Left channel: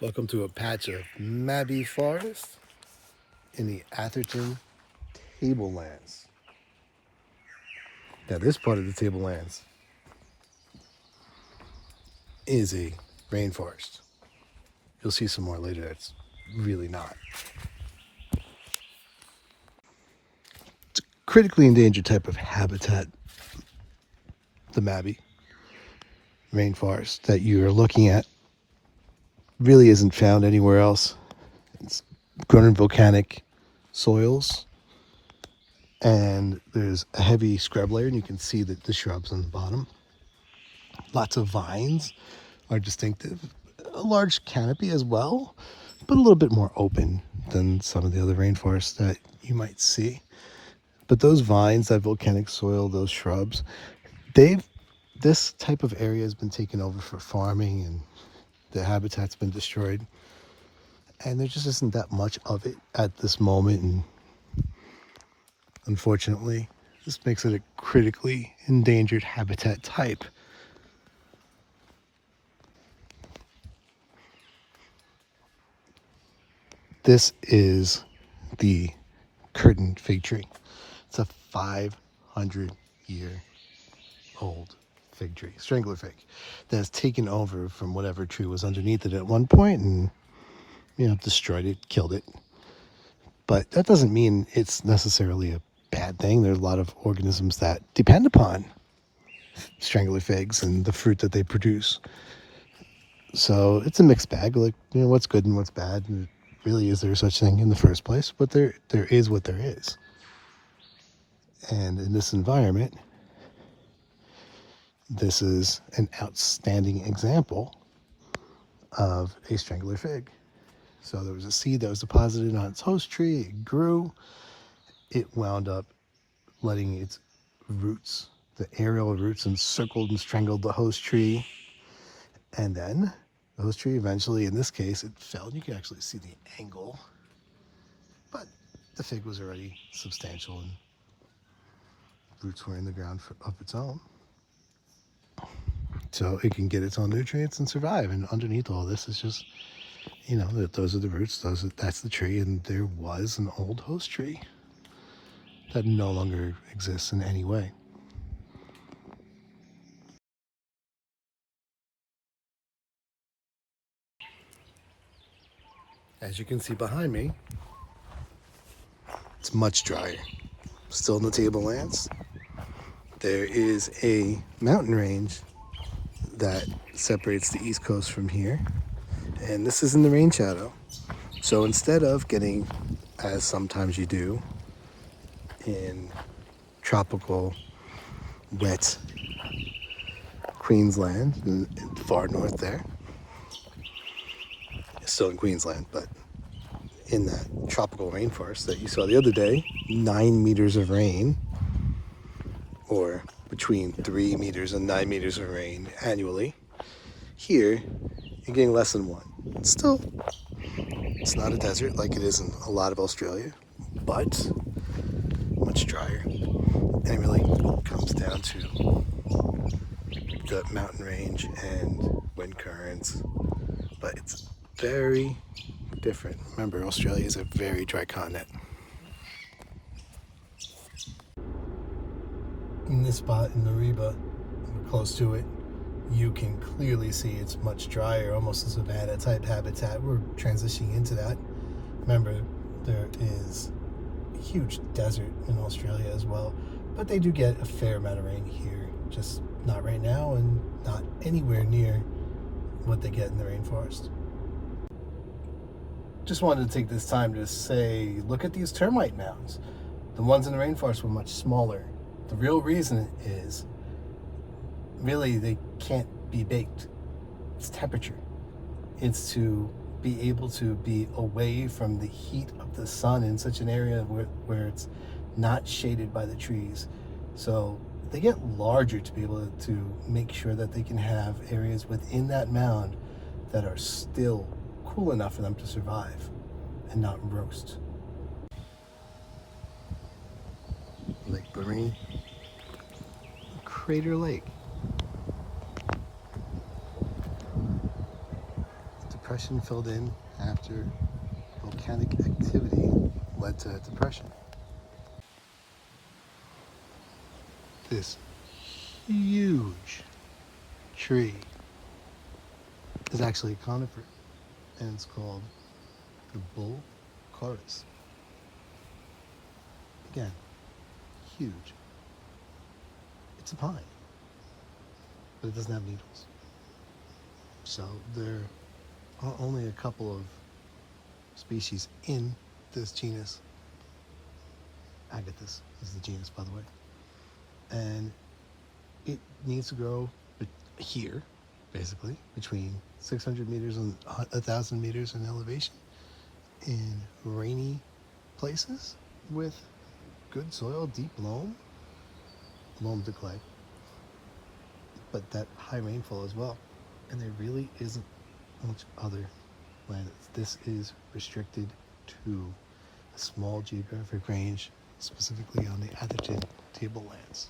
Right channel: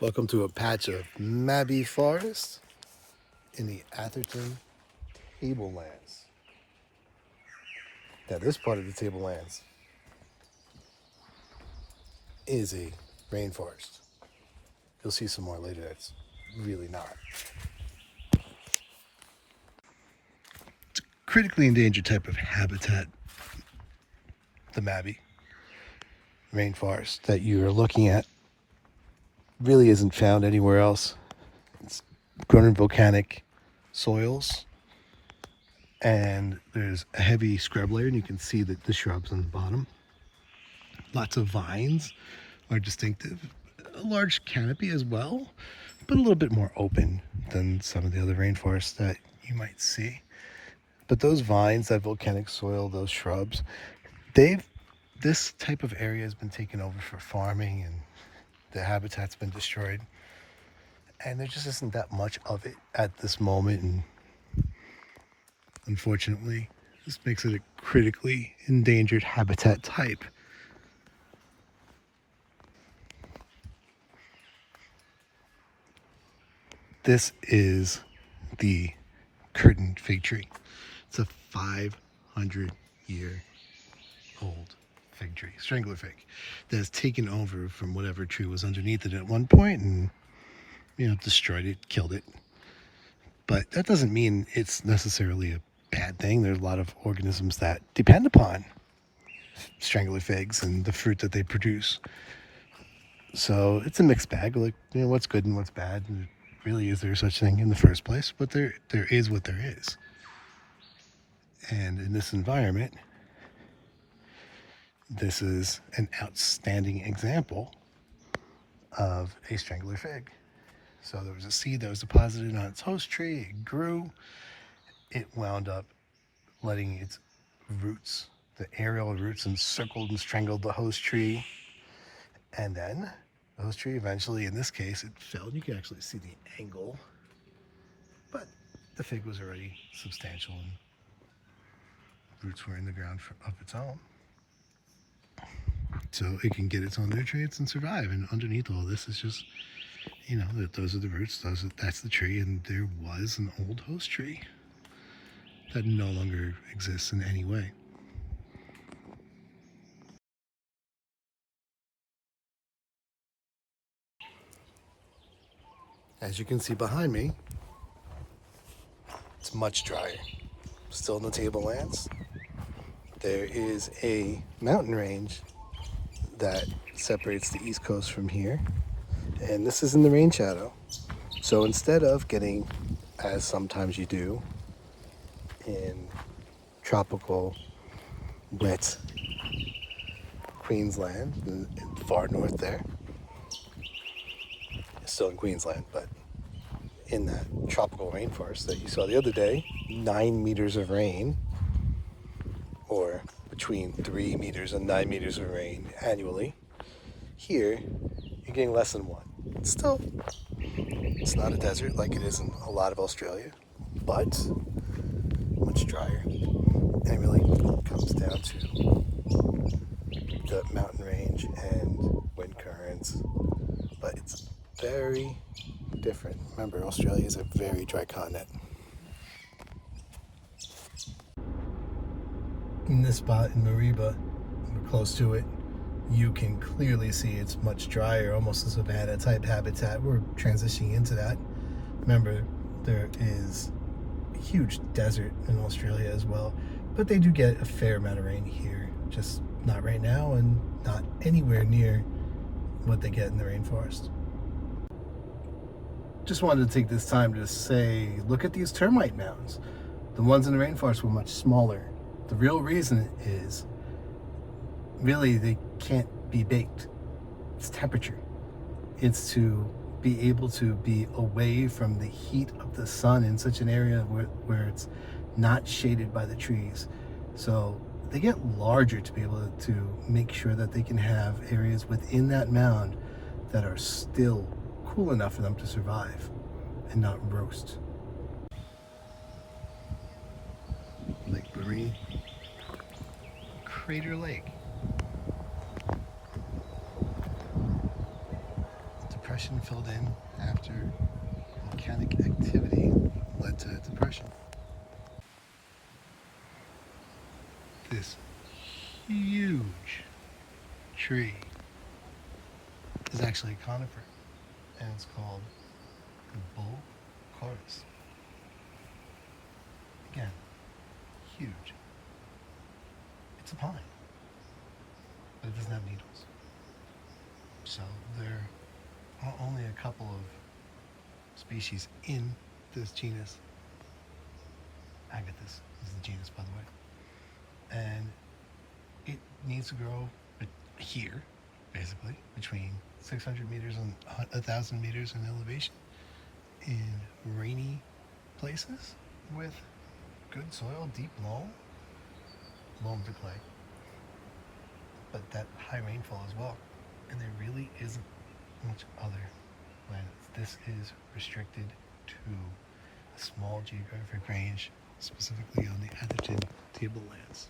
Welcome to a patch of Mabby Forest in the Atherton Tablelands. Now, this part of the Tablelands is a rainforest. You'll see some more later. It's really not. It's a critically endangered type of habitat, the Mabby rainforest that you are looking at. Really isn't found anywhere else. It's grown in volcanic soils, and there's a heavy scrub layer, and you can see that the shrubs on the bottom. Lots of vines are distinctive. A large canopy as well, but a little bit more open than some of the other rainforests that you might see. But those vines, that volcanic soil, those shrubs, this type of area has been taken over for farming, and the habitat's been destroyed. And there just isn't that much of it at this moment, and unfortunately, this makes it a critically endangered habitat type. This is the curtain fig tree. It's a 500-year-old fig tree, strangler fig, that has taken over from whatever tree was underneath it at one point and, destroyed it, killed it. But that doesn't mean it's necessarily a bad thing. There's a lot of organisms that depend upon strangler figs and the fruit that they produce. So it's a mixed bag, like, what's good and what's bad. And really, is there such thing in the first place? But there is what there is. And in this environment, this is an outstanding example of a strangler fig. So there was a seed that was deposited on its host tree. It grew. It wound up letting its roots, the aerial roots, encircled and strangled the host tree. And then the host tree eventually, in this case, it fell. And you can actually see the angle. But the fig was already substantial and roots were in the ground of its own. So it can get its own nutrients and survive. And underneath all this is just, those are the roots, that's the tree. And there was an old host tree that no longer exists in any way. As you can see behind me, it's much drier. Still in the Tablelands. There is a mountain range that separates the East Coast from here. And this is in the rain shadow. So instead of getting, as sometimes you do, in tropical, wet Queensland, in the far north there, it's still in Queensland, but in that tropical rainforest that you saw the other day, 9 meters of rain, or between 3 meters and 9 meters of rain annually. Here, you're getting less than 1. Still, it's not a desert like it is in a lot of Australia, but much drier. And it really comes down to the mountain range and wind currents. But it's very different. Remember, Australia is a very dry continent. In this spot in Mariba, we're close to it, you can clearly see it's much drier, almost a savanna type habitat. We're transitioning into that. Remember, there is a huge desert in Australia as well, but they do get a fair amount of rain here, just not right now and not anywhere near what they get in the rainforest. Just wanted to take this time to say, look at these termite mounds. The ones in the rainforest were much smaller. The real reason is, really, they can't be baked. It's temperature. It's to be able to be away from the heat of the sun in such an area where it's not shaded by the trees. So they get larger to be able to make sure that they can have areas within that mound that are still cool enough for them to survive and not roast. Lake Barrine, Crater Lake. depression filled in after volcanic activity led to depression. This huge tree is actually a conifer, and it's called the bull chorus. Again, huge. It's a pine, but it doesn't have needles. So there are only a couple of species in this genus. Agathis is the genus, by the way. And it needs to grow here, basically, between 600 meters and 1,000 meters in elevation in rainy places with good soil, deep loam to clay, but that high rainfall as well. And there really isn't much other land. This is restricted to a small geographic range, specifically on the Atherton Tablelands.